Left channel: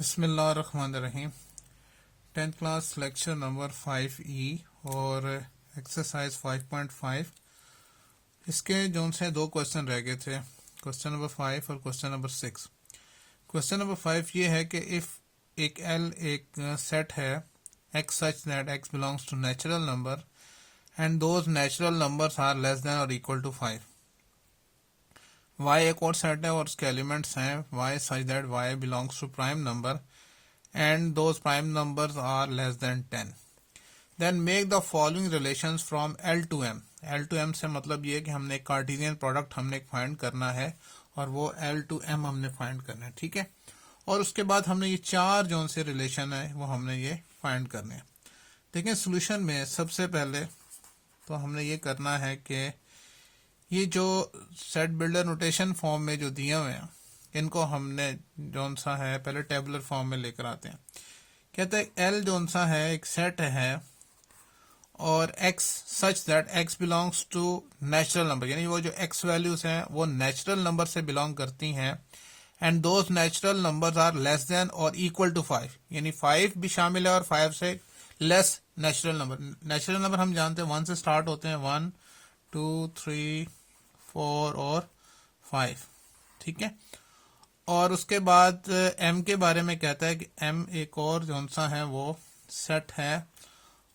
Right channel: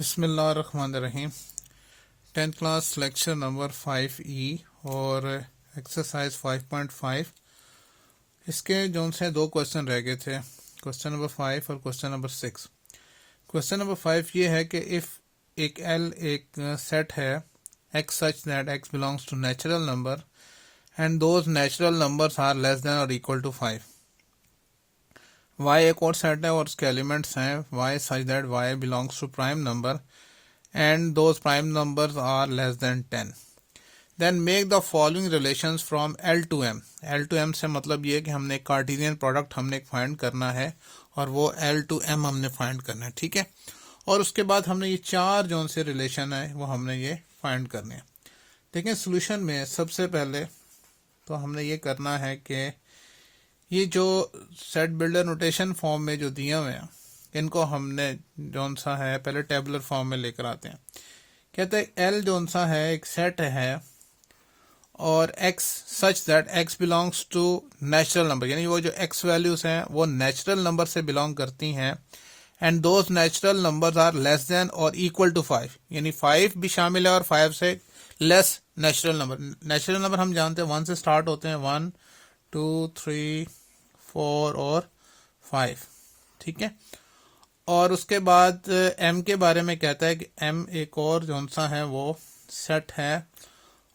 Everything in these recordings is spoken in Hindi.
बिस्मिल्लाहिर्रहमानिर्रहीम। 10th class lecture number 5E और एक्सरसाइज 5.5। इसके जो से दो क्वेश्चन रह गए थे, क्वेश्चन नंबर 5 और क्वेश्चन नंबर 6। क्वेश्चन नंबर 5 ये है कि इफ़ एक L एक सेट है x such that x belongs to natural number and those natural numbers are less than or equal to 5। y एक और सेट है और उसके एलिमेंट्स हैं y such that y belongs to prime number and those prime numbers are less than 10। Then make the following relations from L to M। L to M से मतलब ये कि हमने कार्टेशियन प्रोडक्ट हमने फाइंड करना है और वो L टू M हमने फाइंड करना है, ठीक है। और उसके बाद हमने ये चार जो से रिलेशन है वो हमने ये फाइंड करने हैं। देखें सोल्यूशन में सबसे पहले तो हमने ये करना है कि ये जो सेट बिल्डर नोटेशन फॉर्म में जो दिए हुए हैं इनको हमने जौन सा है पहले टेबुलर फॉर्म में लेकर आते हैं। कहते हैं एल जौन सा है एक सेट है और x such that x belongs to natural number, यानी वो जो x वैल्यूज हैं वो नेचुरल नंबर से बिलोंग करती हैं and those natural numbers are less than or equal to 5, यानी 5 भी शामिल है और 5 से less natural number. Natural number हम जानते हैं 1 से स्टार्ट होते हैं, 1 2 3 4 और 5, ठीक है। और उसके बाद m के बारे में कहता है कि m एक और जौन सा है वो सेट है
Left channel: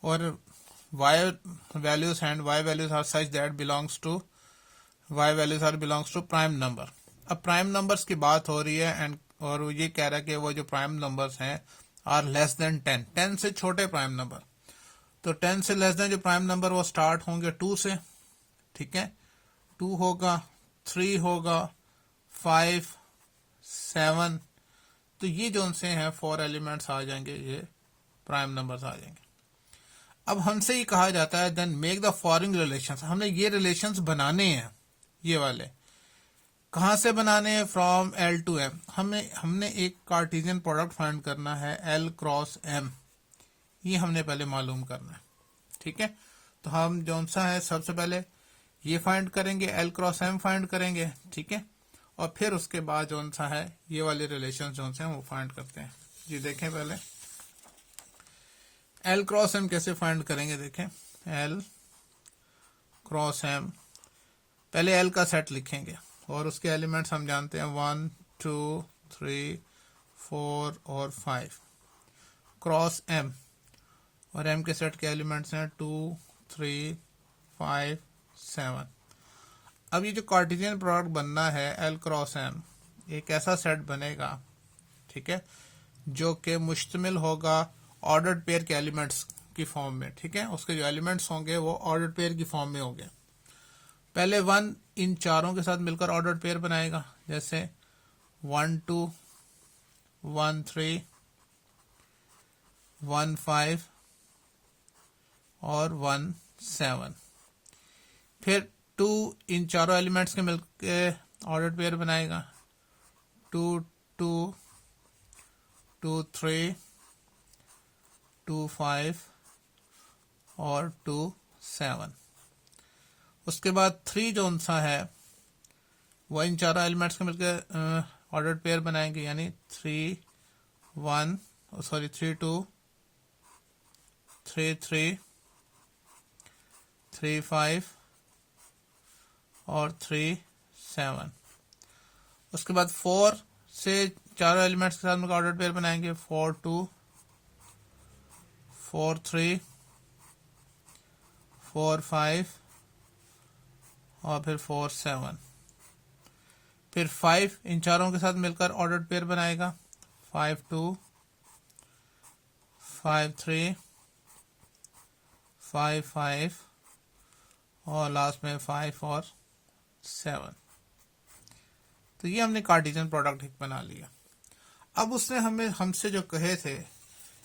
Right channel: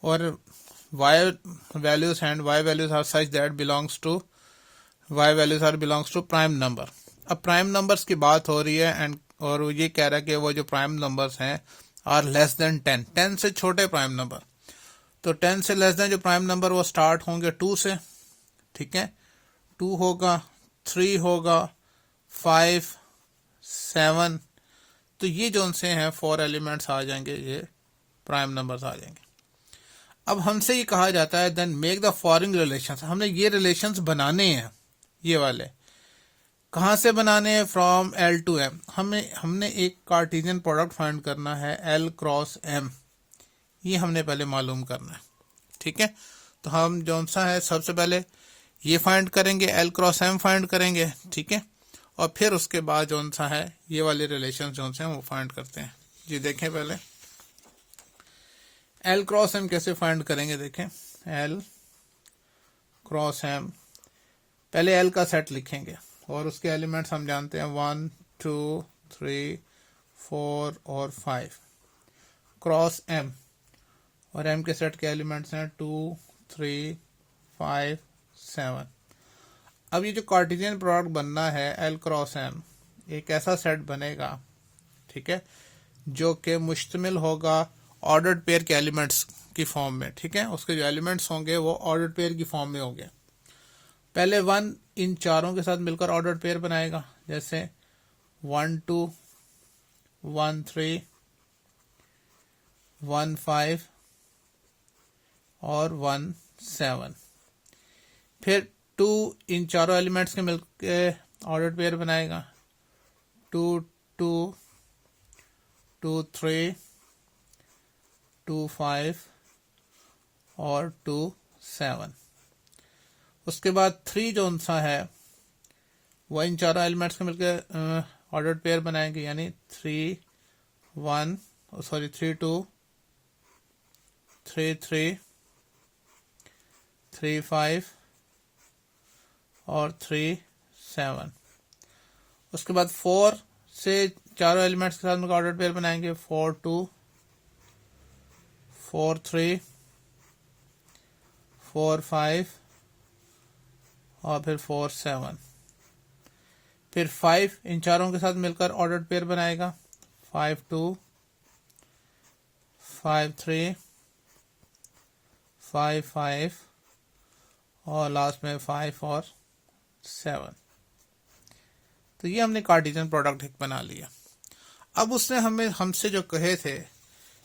और y values and y values are such that belongs to y values are belongs to prime number. अब प्राइम नंबर्स की बात हो रही है एंड और ये कह रहा है कि वो जो प्राइम नंबर्स हैं आर लेस देन 10, 10 से छोटे प्राइम नंबर। तो 10 से लेस देन जो प्राइम नंबर वो स्टार्ट होंगे 2 से, ठीक है। 2 होगा, 3 होगा, 5 7, तो ये जो से हैं 4 एलिमेंट्स आ जाएंगे, ये प्राइम नंबर्स आ जाएंगे। अब हमसे ये कहा जाता है then make the following relations. हमने ये रिलेशंस बनाने हैं, ये वाले कहाँ से बनाने हैं? From L to M। हमने एक कार्टेशियन प्रोडक्ट फाइंड करना है L क्रॉस M, ये हमने पहले मालूम करना है, ठीक है। तो हम जौन सा है सबसे पहले ये फाइंड करेंगे, L क्रॉस M फाइंड करेंगे, ठीक है। और फिर उसके बाद जौन सा है ये वाले रिलेशन जौन से हैं वो फाइंड करते हैं। जी देखें पहले L क्रॉस M कैसे फाइंड करेंगे। देखें L क्रॉस M, पहले L का सेट लिखेंगे और उसके एलिमेंट्स हम जानते हैं 1 2 3 4 और 5 क्रॉस M, और M के सेट के एलिमेंट्स हैं 2 3 5 7। अब ये जो कार्टेशियन प्रोडक्ट बनना है L क्रॉस M, एक ऐसा सेट बनेगा, ठीक है, जो कि मुश्तमिल होगा ऑर्डर्ड पेयर के एलिमेंट्स की फॉर्म में, ठीक है। उसके जो एलिमेंट्स होंगे वो ऑर्डर्ड पेयर की फॉर्म में होंगे। पहले 1 इन चारों के साथ मिलकर ऑर्डर्ड पेयर बनाएगा, जैसे 1 2 1 3 1 5 और 1 7। फिर 2 इन चारों एलिमेंट्स के मिलकर ऑर्डर्ड पेयर बनाएगा, 2 2 2 3 2 5 और 2 7। उसके बाद 3 जो सा है वह इन चारों एलिमेंट्स के मिलकर ऑर्डर्ड पेयर बनाएंगे, यानी 3 2 3 3 3 5 और 3 7। उसके बाद 4 से चारों एलिमेंट्स के साथ मिलकर ऑर्डर्ड पेयर बनाएंगे, 4 2 4 3 4 5 और फिर 4 7। फिर 5 इन चारों के साथ मिलकर ऑर्डर्ड पेयर बनाएगा, 5 2 5 3 5 5 और लास्ट में 5 और 7। तो ये हमने कार्टेशियन प्रोडक्ट एक बना लिया। अब उसने हमसे जो कहे थे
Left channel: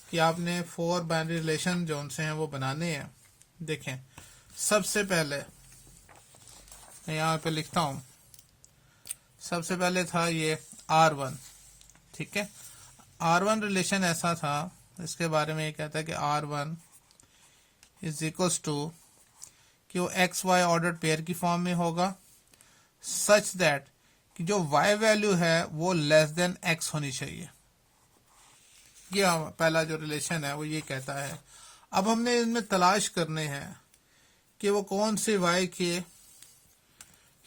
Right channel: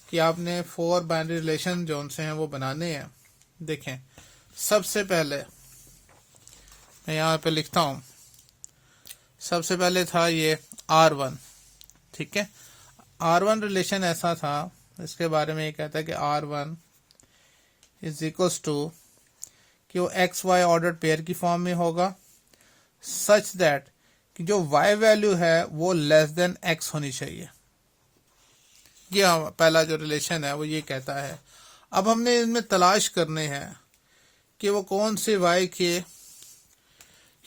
कि आपने 4 बाइनरी रिलेशन जो से हैं वो बनाने हैं। देखें सबसे पहले मैं यहाँ पे लिखता हूँ, सबसे पहले था ये R1, ठीक है। R1 रिलेशन ऐसा था, इसके बारे में ये कहता है कि R1 इज इक्वल्स टू कि वो एक्स वाई ऑर्डर पेयर की फॉर्म में होगा सच दैट कि जो y वैल्यू है वो लेस देन x होनी चाहिए, ये पहला जो रिलेशन है वो ये कहता है। अब हमने इनमें तलाश करने हैं कि वो कौन से y के,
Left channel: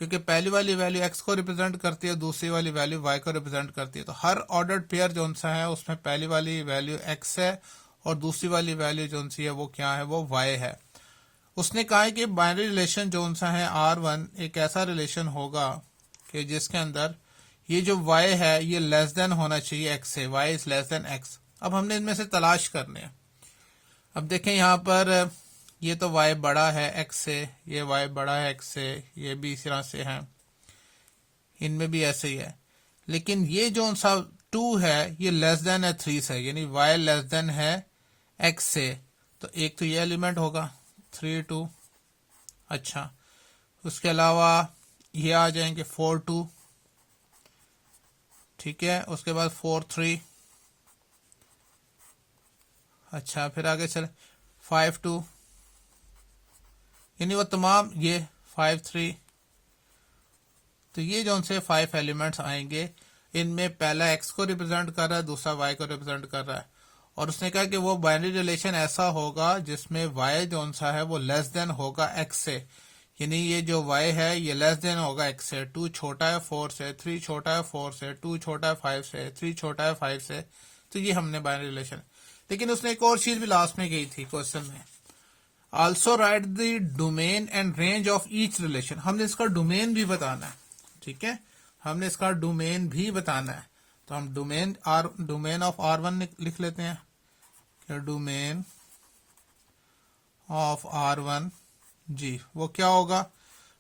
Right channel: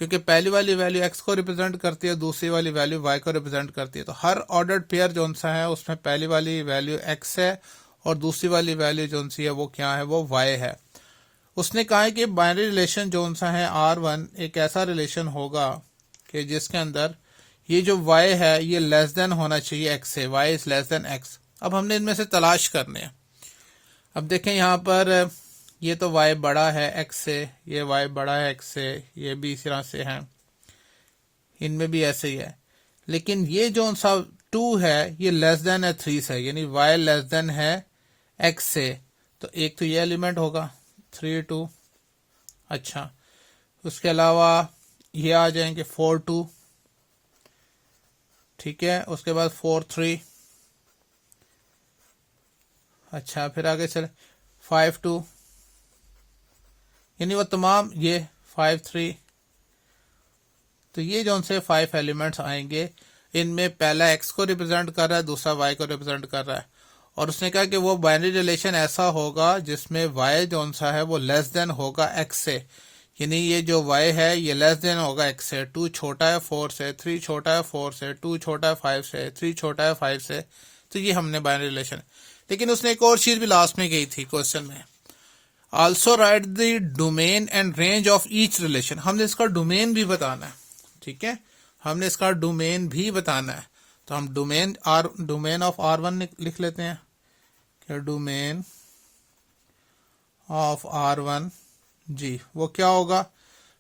क्योंकि पहली वाली वैल्यू x को रिप्रेजेंट करती है, दूसरी वाली वैल्यू y को रिप्रेजेंट करती है। तो हर ऑर्डर्ड पेयर जो सा है उसमें पहली वाली वैल्यू x है और दूसरी वाली वैल्यू जो सी है वो क्या है, वो y है। उसने कहा है कि बाइनरी रिलेशन जो सा है R1 एक ऐसा रिलेशन होगा कि जिसके अंदर ये जो y है ये लेस देन होना चाहिए x से, y is less than x। अब हमने इनमें से तलाश करने हैं। अब देखें यहाँ पर ये तो y बड़ा है x से, ये y बड़ा है x से, ये भी इस तरह से है, इनमें भी ऐसे ही है। लेकिन ये जो सा 2 है ये लेस देन है 3 से, यानी y लेस देन है x से। तो एक तो ये एलिमेंट होगा 3 2। अच्छा, उसके अलावा ये आ जाएंगे 4 2, ठीक है। उसके बाद 4 3, अच्छा फिर आगे चले 5 2, यानी वो तमाम ये 5 3। तो ये जो से 5 एलिमेंट्स आएंगे, इनमें पहला x को रिप्रेजेंट कर रहा है, दूसरा y को रिप्रेजेंट कर रहा है। और उसने कहा कि वो बाइनरी रिलेशन ऐसा होगा जिसमें y जो सा है वो लेस देन होगा x से, यानी ये जो y है ये लेस देन होगा x से। 2 छोटा है 4 से, 3 छोटा है 4 से, 2 छोटा है 5 से, 3 छोटा है 5 से। तो ये हमने बाइनरी रिलेशन। लेकिन उसने एक और चीज भी लास्ट में कही थी क्वेश्चन में, also right the domain and range of each relation. हमने इसका डोमेन भी बताना है, ठीक है, हमने इसका डोमेन भी बताना है। तो हम डोमेन ऑफ R1 लिख लेते हैं कि डोमेन ऑफ R1 जी वो क्या होगा।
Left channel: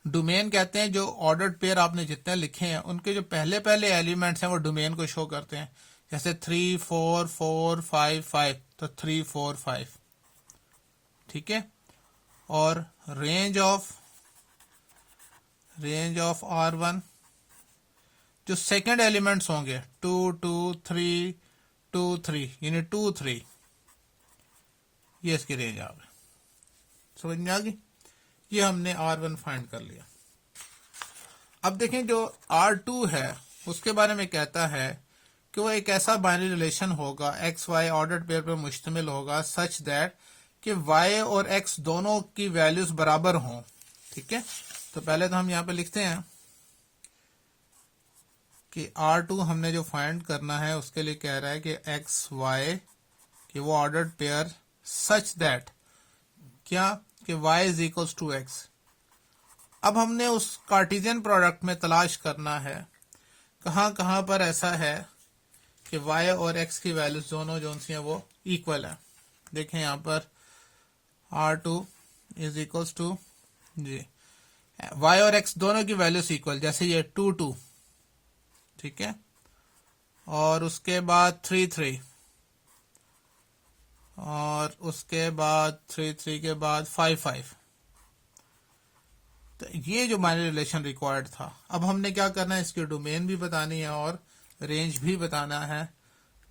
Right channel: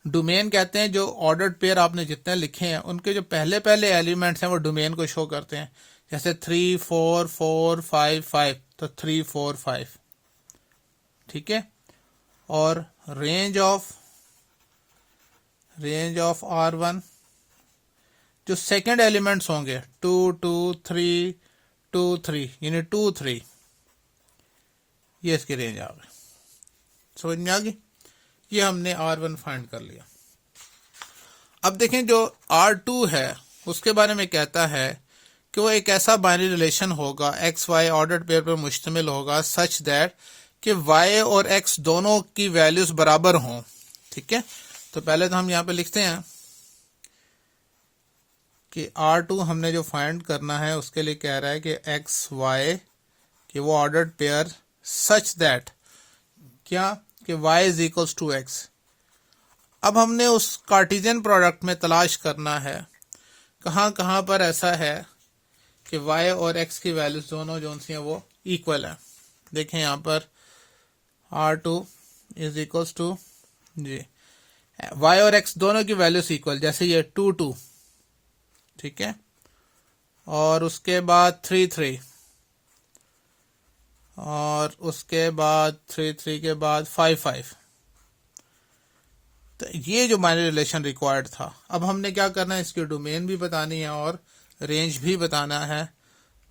डोमेन कहते हैं जो ऑर्डर्ड पेयर आपने जितने लिखे हैं उनके जो पहले पहले एलिमेंट्स हैं वो डोमेन को शो करते हैं। जैसे 3 4 4 5 5, तो 3 4 5, ठीक है। और रेंज ऑफ R1 जो सेकंड एलिमेंट्स होंगे 2 2 3 2 3, यानी 2 3, ये इसकी रेंज आ गई। समझ में आ गई। ये हमने R1 फाइंड कर लिया। अब देखें जो R2 है उसके बारे में कहता है कि वो एक ऐसा बाइनरी रिलेशन होगा एक्स वाई ऑर्डर्ड पेयर पर मुश्तमिल होगा सच दैट कि y और x दोनों की वैल्यूज बराबर हों, ठीक है। तो पहले तो हम यहाँ पे लिखते हैं कि R2 हमने जो फाइंड करना है उसके लिए कह रहा है कि x y कि वो ऑर्डर्ड पेयर सच दैट क्या कि y is equals to x। अब हमने उस कार्टेशियन प्रोडक्ट में तलाश करना है कहाँ कहाँ पर ऐसा है कि y और x की वैल्यूज दोनों जो सी हैं वो इक्वल है। देखें यहाँ पर R2 इज इक्वल्स टू जी y और x दोनों की वैल्यूज इक्वल, जैसे ये 2 2, ठीक है, और उसके बाद 3 3, और उसके बाद 3 3 के बाद 5 5। तो ये जो बाइनरी रिलेशन रिक्वायर्ड था। अब हमने क्या करना है, इसकी डोमेन भी बतानी है और रेंज भी बताना है।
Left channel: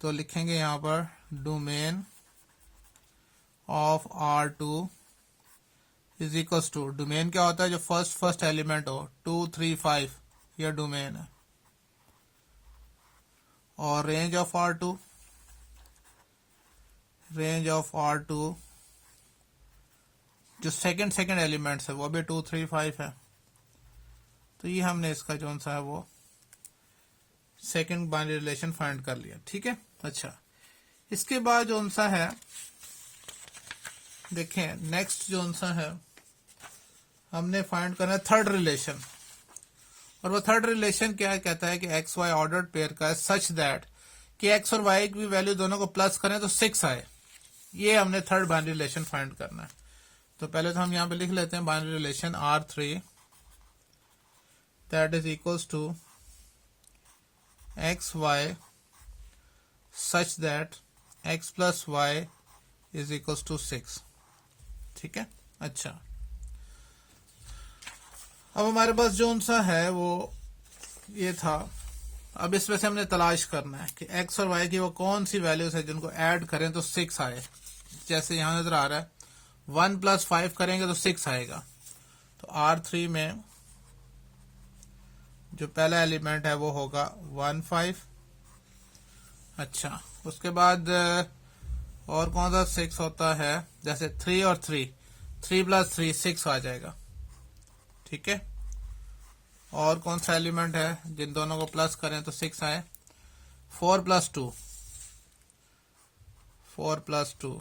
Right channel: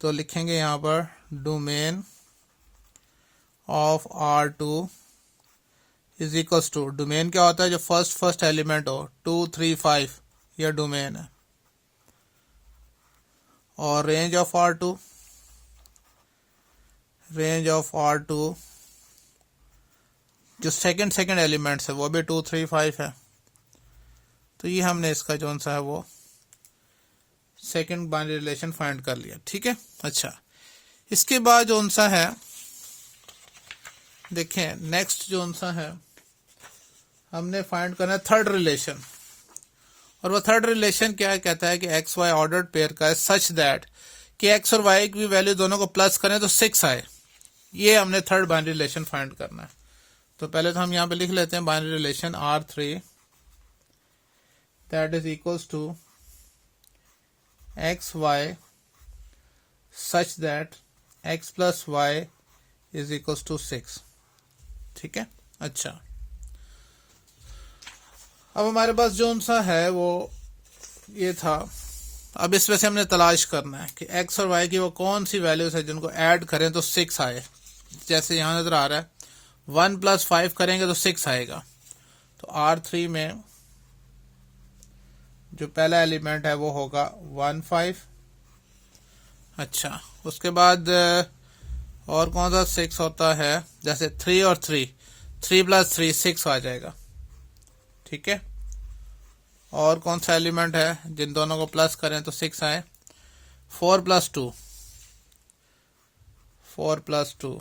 तो लिखेंगे यहाँ पर domain of R2 is equals to, domain क्या होता है जो फर्स्ट एलिमेंट हो 2 3 5, यह डोमेन है। और रेंज ऑफ R2 जो सेकंड एलिमेंट्स है वो भी 2 3 5 है। तो ये हमने इसका जो सा है वो सेकंड बाइनरी रिलेशन फाइंड कर लिया, ठीक है। अच्छा, इसके बाद जो सा है देखें नेक्स्ट जो सा है हमने फाइंड करना है थर्ड रिलेशन। और वो थर्ड रिलेशन क्या कहता है कि एक्स वाई ऑर्डर्ड पेयर का है सच दैट कि एक्स और वाई की वैल्यू दोनों को प्लस करें तो 6 आए। ये हमने थर्ड बाइनरी रिलेशन फाइंड करना है। तो पहले तो हम यहाँ पे लिख लेते हैं binary relation R3 that is equals to X Y such that X plus Y is equals to 6, ठीक है। अच्छा, अब हमारे पास जो सा है वो ये था। अब इसमें से हमने तलाश करना है कि x और y की वो कौन सी वैल्यूज है जिनको ऐड करें तो 6 आए। जैसे यहाँ नजर आ रहा है 1 + 5 करेंगे तो 6 आएगा। तो R3 में जो पहला एलिमेंट है वो होगा 1 5। अच्छा, उसके बाद और कौन सा 6 होता है, जैसे 3 और 3, 3 + 3 6 आ जाएगा। ठीक है, और कौन सा एलिमेंट है जिन दोनों को प्लस करें तो 6 आए, 4 + 2, 4 + 2।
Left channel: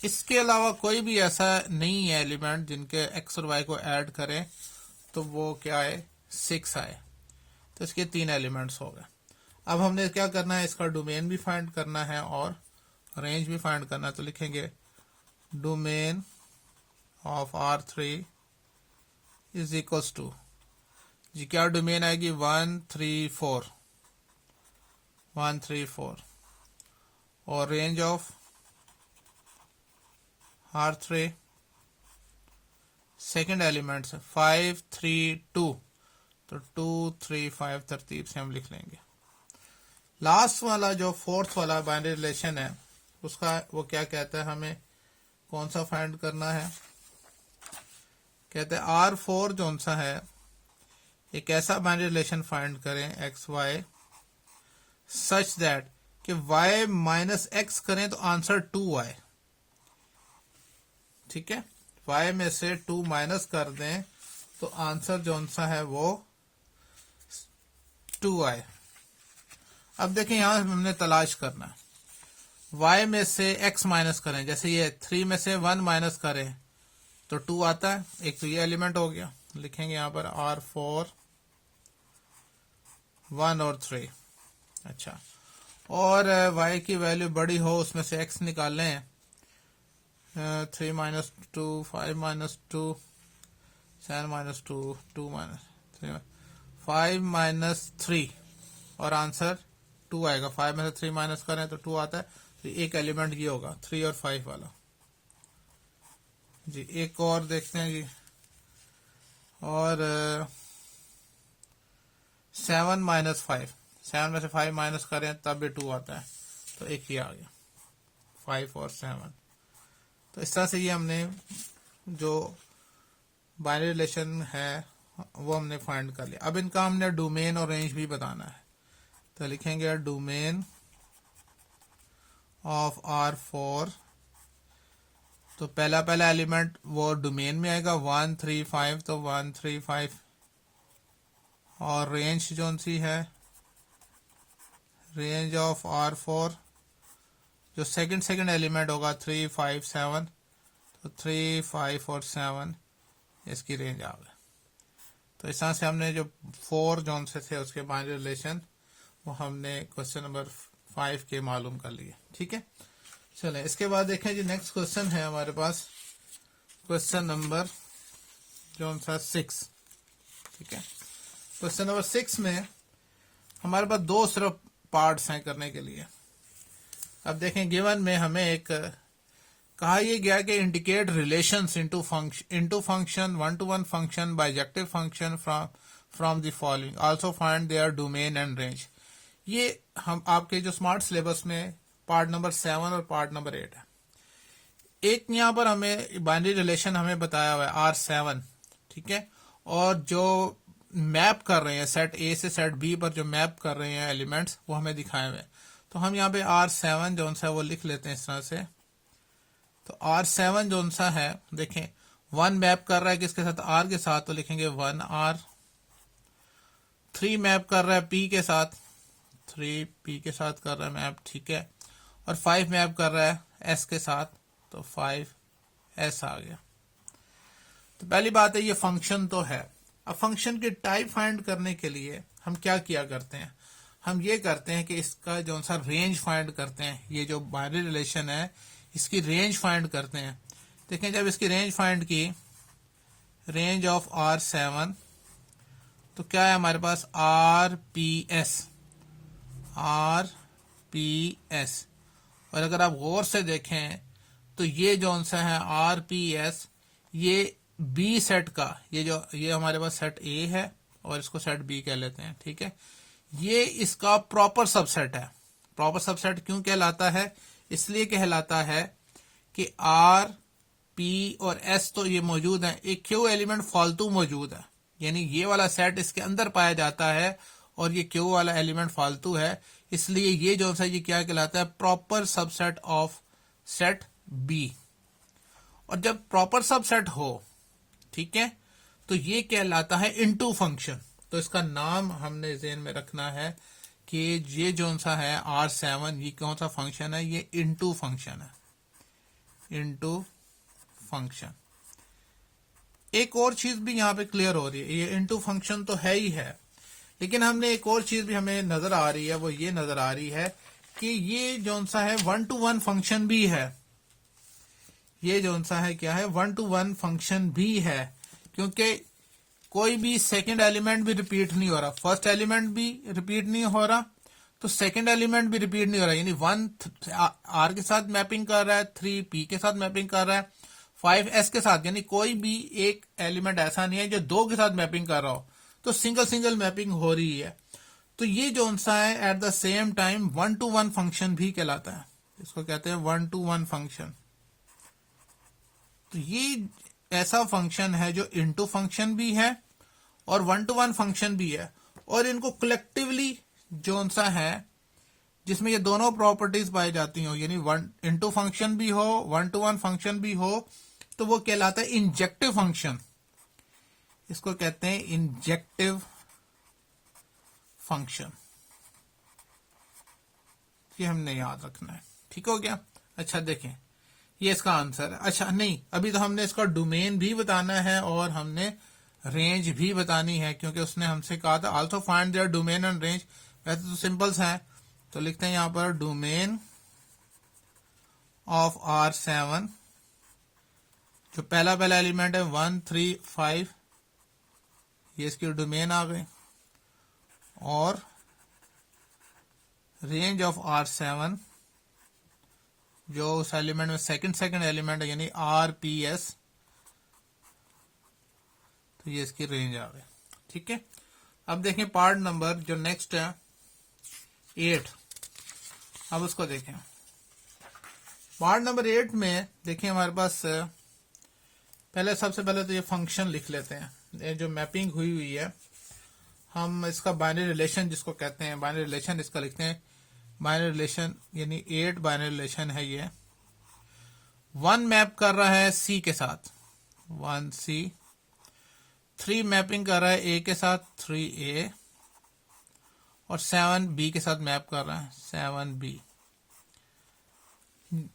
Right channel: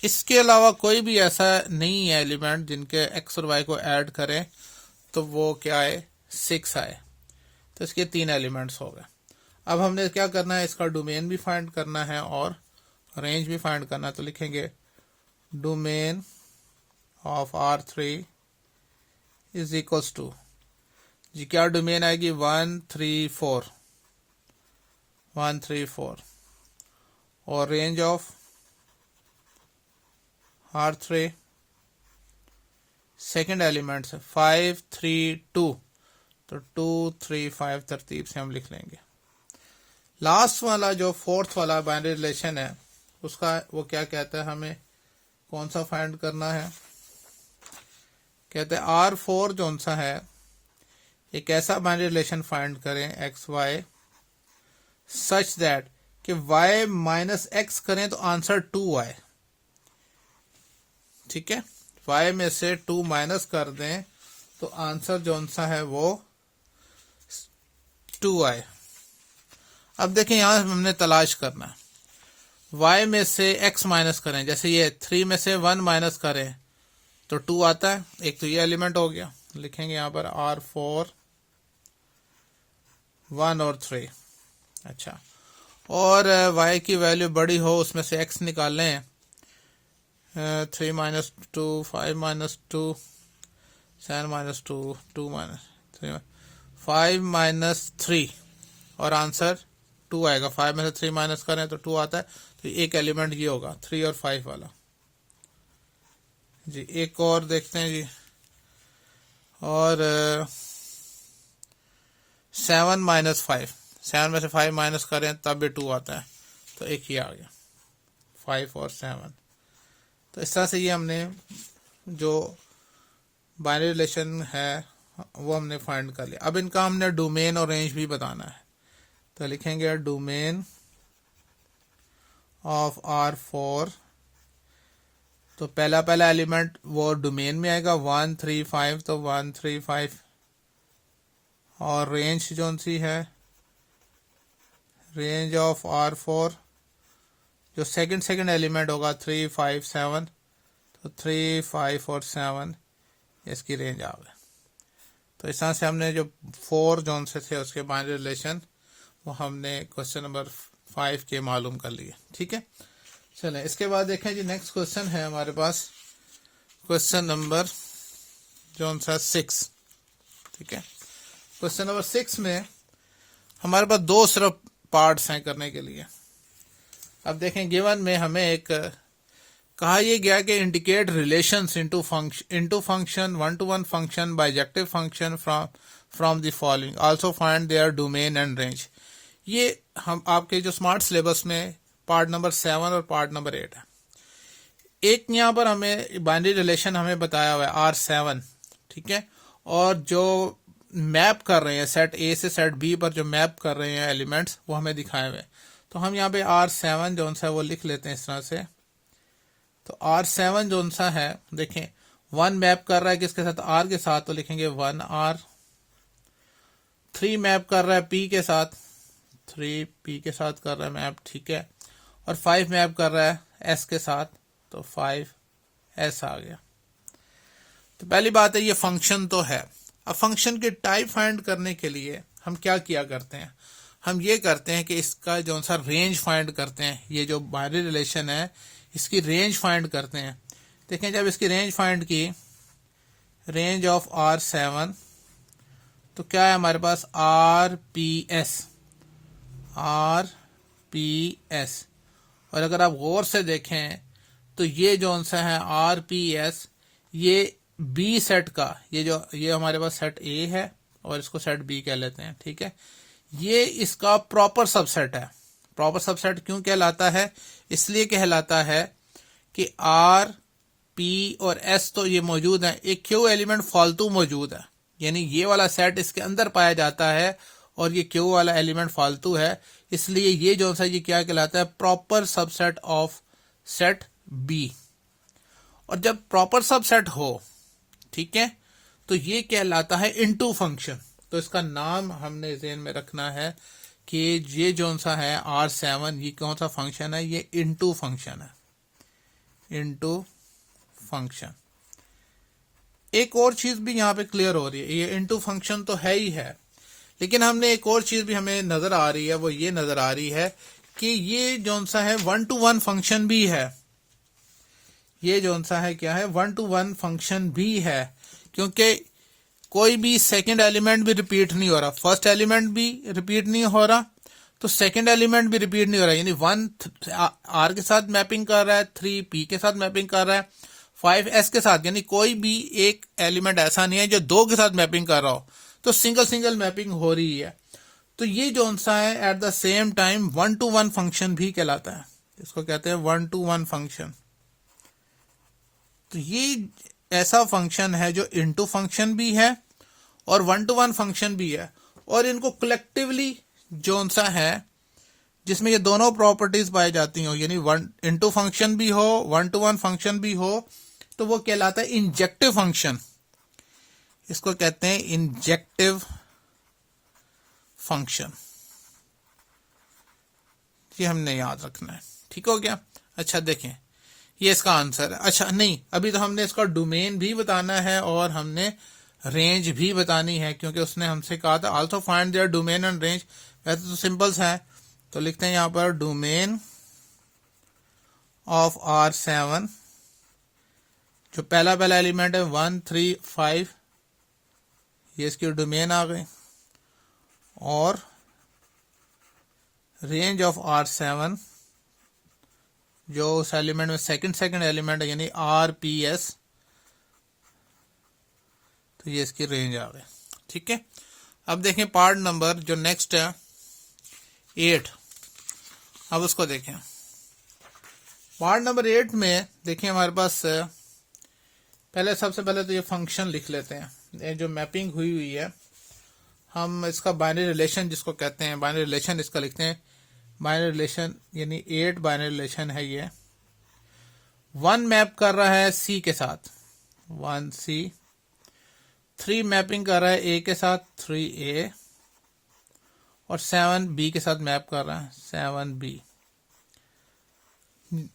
इसके अलावा कोई भी ऐसा नहीं है एलिमेंट जिनके एक्स और वाई को ऐड करें तो वो क्या आए, 6 आए। तो इसके 3 एलिमेंट्स हो गए। अब हमने क्या करना है, इसका डोमेन भी फाइंड करना है और रेंज भी फाइंड करना है। तो लिखेंगे domain of R3 is equals to, जी क्या डोमेन आएगी, 1 3 4, 1 3 4, और range of R3 second element है 5 3 2, तो 2 3 5 तरतीब से हम लिख लेंगे। लास्ट वाला जो फोर्थ वाला बाइनरी रिलेशन है उसका वो क्या कहता है, हमें कौन सा फाइंड करना है, कहते हैं R4 जो सा है एक ऐसा बाइनरी रिलेशन फाइंड करें एक्स वाई सच दैट कि y - x करें तो आंसर 2 आए। ठीक है, y में से 2 माइनस कर दें तो आंसर जो सा है वो 2 आए। अब देखें यहां हमने तलाश करना है, y में से x माइनस करें, जैसे ये 3 में से 1 माइनस करें तो 2 आता है। एक तो ये एलिमेंट हो गया, लिखेंगे यहां पर R4 1 और 3। अच्छा, और y की वैल्यू बड़ी हो उसमें से x निकाल लें, 3 - 2 5 - 2 7 - 2 2 - 3 5 - 3 और आंसर 2 आएगा। 5 में से 3 माइनस करें तो 2 आता है। तो एक एलिमेंट ये होगा 3 और 5 वाला जी। एक और देखते हैं जी, और 7 - 5, 7 में से 5 माइनस करें तब भी 2 आता है। तो एक ही आ गया 5 और 7। तो इस तरह से ये हमने जो बाइनरी रिलेशन है वो हमने फाइंड कर लिया। अब इनका हमने डोमेन और रेंज भी बताना है। तो लिखेंगे डोमेन ऑफ R4, तो पहला एलिमेंट वो डोमेन में आएगा 1 3 5, तो 1 3 5, और रेंज जो सी है रेंज ऑफ R4 जो सेकंड एलिमेंट होगा 3 5 7, तो 3 5 और 7 इसकी रेंज आ गई। तो इस तरह से हमने जो 4 जोन से थे उसके बाइनरी रिलेशन वो हमने क्वेश्चन नंबर 5 के मालूम कर लिए। ठीक है, चलें इसके बाद देखें जी, नेक्स्ट क्वेश्चन है हमारे पास क्वेश्चन नंबर जो सा 6। ठीक है, क्वेश्चन नंबर 6 में हमारे पास 2 सिर्फ पार्ट्स हैं करने के लिए। अब देखें गिवन में हमें एक कहा यह गया कि indicate relations into function 1-to-1 function bijective function from the following, also find there domain and range. ये हम आपके जो स्मार्ट सिलेबस में पार्ट नंबर 7 और पार्ट नंबर 8 है। एक यहाँ पर हमें बाइनरी रिलेशन हमें बताया हुआ है R7। ठीक है, और जो मैप कर रहे हैं सेट A से सेट B पर जो मैप कर रहे हैं एलिमेंट्स वो हमें दिखाए हुए। तो हम यहाँ पे R7 जो सा वो लिख लेते हैं इस तरह से। तो R7 जो सा है देखें 1 मैप कर रहा है किसके साथ, R के साथ, तो लिखेंगे 1R। 3 मैप कर रहा है P के साथ, 3 P के साथ कर रहा है मैप। ठीक है, और 5 मैप कर रहा है S के साथ, तो 5S आ गया। तो पहली बात है ये फंक्शन तो है। अब फंक्शन की टाइप फाइंड करने के लिए हम क्या किया करते हैं, हम ये करते हैं कि इसका जो सा रेंज फाइंड करते हैं। ये जो बाइनरी रिलेशन है इसकी रेंज फाइंड करते हैं। देखें जब इसकी रेंज फाइंड की, रेंज ऑफ R7, तो क्या है हमारे पास RPS, और अगर आप गौर से देखें तो ये जो सा है RPS ये B सेट का, ये हमारे पास सेट A है और इसको सेट B कह लेते हैं। ठीक है, ये इसका प्रॉपर सबसेट है। प्रॉपर सबसेट क्यों कहलाता है, इसलिए कहलाता है कि R, P और S तो ये मौजूद है, एक Q एलिमेंट फालतू मौजूद है, यानी ये वाला सेट इसके अंदर पाया जाता है और ये Q वाला एलिमेंट फालतू है। इसलिए ये जो सा ये क्या कहलाता है, proper subset of set B. और जब प्रॉपर सबसेट हो, ठीक है, तो ये कहलाता है इनटू फंक्शन। तो इसका नाम हमने ज़हन में रखना है कि ये जो सा है R7, ये कौन सा फंक्शन है, ये इनटू फंक्शन है, इनटू फंक्शन। एक और चीज भी यहाँ पे क्लियर हो रही है, ये इनटू फंक्शन तो है ही है, लेकिन हमने एक और चीज भी हमें नजर आ रही है, वो ये नजर आ रही है कि ये जो सा है 1 to 1 फंक्शन भी है। ये जो सा है क्या है, 1 to 1 फंक्शन भी है, क्योंकि कोई भी सेकंड एलिमेंट भी रिपीट नहीं हो रहा, फर्स्ट एलिमेंट भी रिपीट नहीं हो रहा, तो सेकंड एलिमेंट भी रिपीट नहीं हो रहा। यानी 1 आर के साथ मैपिंग कर रहा है, 3 पी के साथ मैपिंग कर रहा है, 5 एस के साथ, यानी कोई भी एक एलिमेंट ऐसा नहीं है जो 2 के साथ मैपिंग कर रहा हो, तो सिंगल सिंगल मैपिंग हो रही है। तो ये जो सा है at the same time 1 to 1 function भी कहलाता है, इसको कहते हैं 1 to 1 फंक्शन। तो ये ऐसा फंक्शन है जो इनटू फंक्शन भी है और 1 to 1 फंक्शन भी है, और इनको कलेक्टिवली जो सा है जिसमें ये दोनों प्रॉपर्टीज पाई जाती हो, यानी 1 इनटू फंक्शन भी हो, 1 to 1 फंक्शन भी हो, तो वो कहलाता है इंजेक्टिव फंक्शन। इसको कहते हैं इंजेक्टिव फंक्शन। ये हमने याद रखना है, ठीक हो गया। अच्छा देखें, ये इसका आंसर है। अच्छा नहीं, अभी तो हमने इसका डोमेन भी बताना है और हमने रेंज भी बतानी है, क्योंकि उसने हमसे कहा था also find there domain and range. वैसे तो सिंपल्स है, तो लिखते हैं यहां पर डोमेन ऑफ R7, जो पहला एलिमेंट है 1 3 5, ये इसकी डोमेन आ गई, और रेंज ऑफ R7 जो उस एलिमेंट में सेकंड एलिमेंट है, यानी RPS, तो ये इसकी रेंज आ गई, ठीक है। अब देखें पार्ट नंबर जो नेक्स्ट है 8, अब उसको देखें। पार्ट नंबर 8 में देखिए हमारे पास सबसे पहले तो ये फंक्शन लिख लेते हैं, ये जो मैपिंग हुई है, हम इसका बाइनरी रिलेशन जिसको कहते हैं, बाइनरी रिलेशन इसका लिखते हैं। बाइनरी रिलेशन यानी 8 बाइनरी रिलेशन है ये। 1 मैप कर रहा है C के साथ, 1C, 3 मैपिंग कर रहा है A के साथ, 3A, और 7 B के साथ मैप कर रहा है, 7B,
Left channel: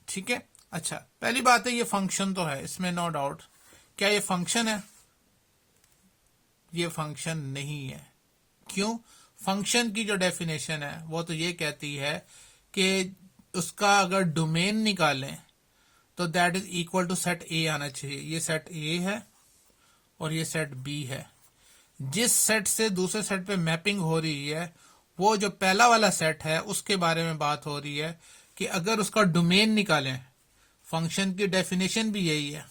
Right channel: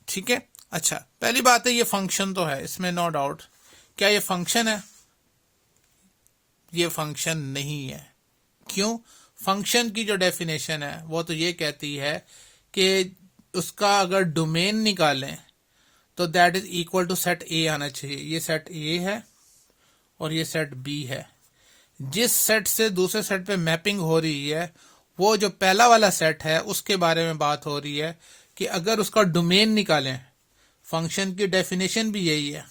ठीक है। अच्छा, पहली बात है ये फंक्शन तो है, इसमें नो डाउट। क्या ये फंक्शन है? ये फंक्शन नहीं है। क्यों? फंक्शन की जो डेफिनेशन है वो तो ये कहती है कि उसका अगर डोमेन निकालें तो that is equal to set A आना चाहिए। ये सेट ए है और ये सेट बी है। जिस सेट से दूसरे सेट पे मैपिंग हो रही है, वो जो पहला वाला सेट है उसके बारे में बात हो रही है कि अगर उसका डोमेन निकालें, फंक्शन की डेफिनेशन भी यही है।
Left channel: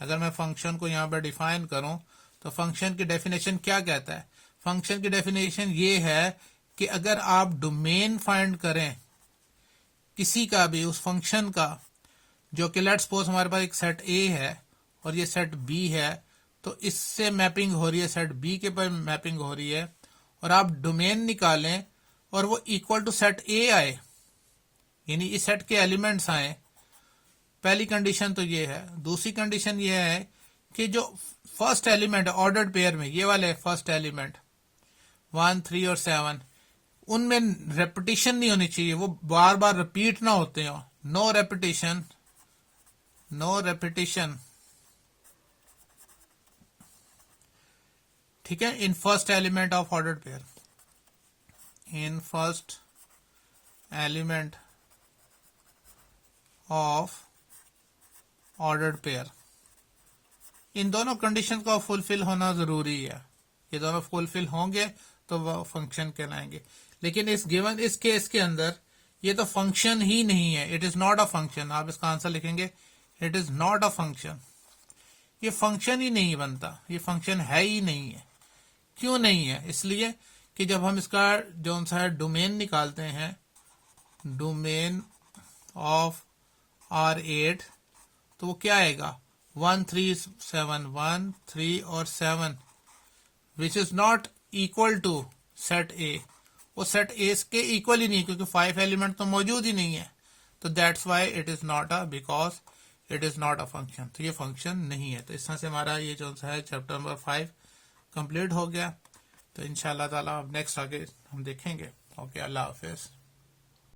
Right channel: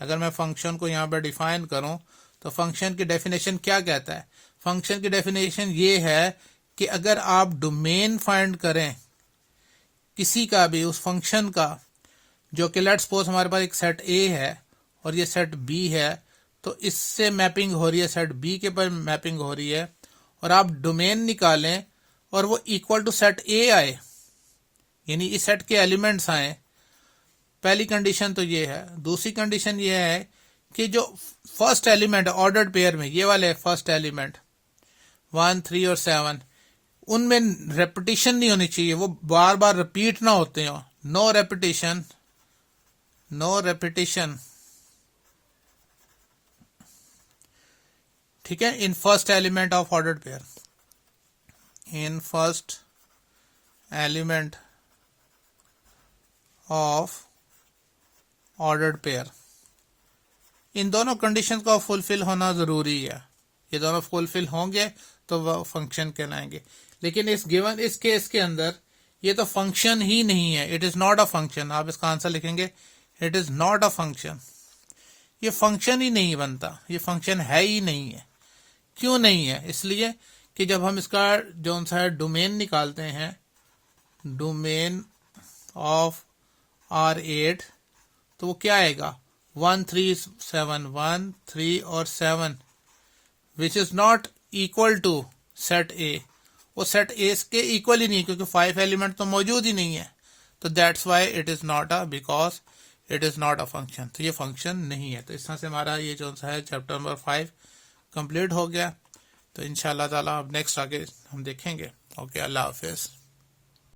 अगर मैं फंक्शन को यहाँ पर डिफाइन करूं तो फंक्शन की डेफिनेशन क्या कहता है? फंक्शन की डेफिनेशन ये है कि अगर आप डोमेन फाइंड करें किसी का भी उस फंक्शन का, जो कि लेट्स सपोज हमारे पास एक सेट ए है और ये सेट बी है, तो इससे मैपिंग हो रही है, सेट बी के पर मैपिंग हो रही है, और आप डोमेन निकालें और वो इक्वल टू सेट ए आए, यानी इस सेट के एलिमेंट्स आए। पहली कंडीशन तो ये है। दूसरी कंडीशन ये है कि जो फर्स्ट एलिमेंट ऑर्डर्ड पेयर में, ये वाले फर्स्ट एलिमेंट 1 3 और 7, उनमें रेपिटेशन नहीं होनी चाहिए, वो बार बार रिपीट ना होते हो। नो रेपिटेशन, नो रेपिटेशन, ठीक है, in first element of ordered pair, in first element of ordered pair. इन दोनों कंडीशन का फुलफिल होना जरूरी है। ये दोनों फुलफिल होंगे तो वह फंक्शन कहलाएंगे। लेकिन इस गिवन इस केस के अंदर ये तो फंक्शन ही नहीं है। It is not a function. आप इसका आंसर लिखेंगे it is not a function. ये फंक्शन ही नहीं बनता, ये फंक्शन है ही नहीं है। क्यों नहीं है? इसलिए कि जब हम इसका जो सा डोमेन निकालते हैं, डोमेन ऑफ R8, तो वो क्या आएगा? 1 3 7, 1 3 और 7, which is not equal to set A. वो सेट ए के इक्वल ही नहीं, क्योंकि 5 एलिमेंट तो मौजूद ही नहीं है, तो that's why it is not a, because it is not a function, तो ये फंक्शन नहीं है। तो इस तरह से हमारा ये जो है चैप्टर नंबर 5 कंप्लीट हो गया। तो इंशाल्लाह ताला अब नेक्स्ट आगे हम देखेंगे। ओके, अल्लाह हाफिज़।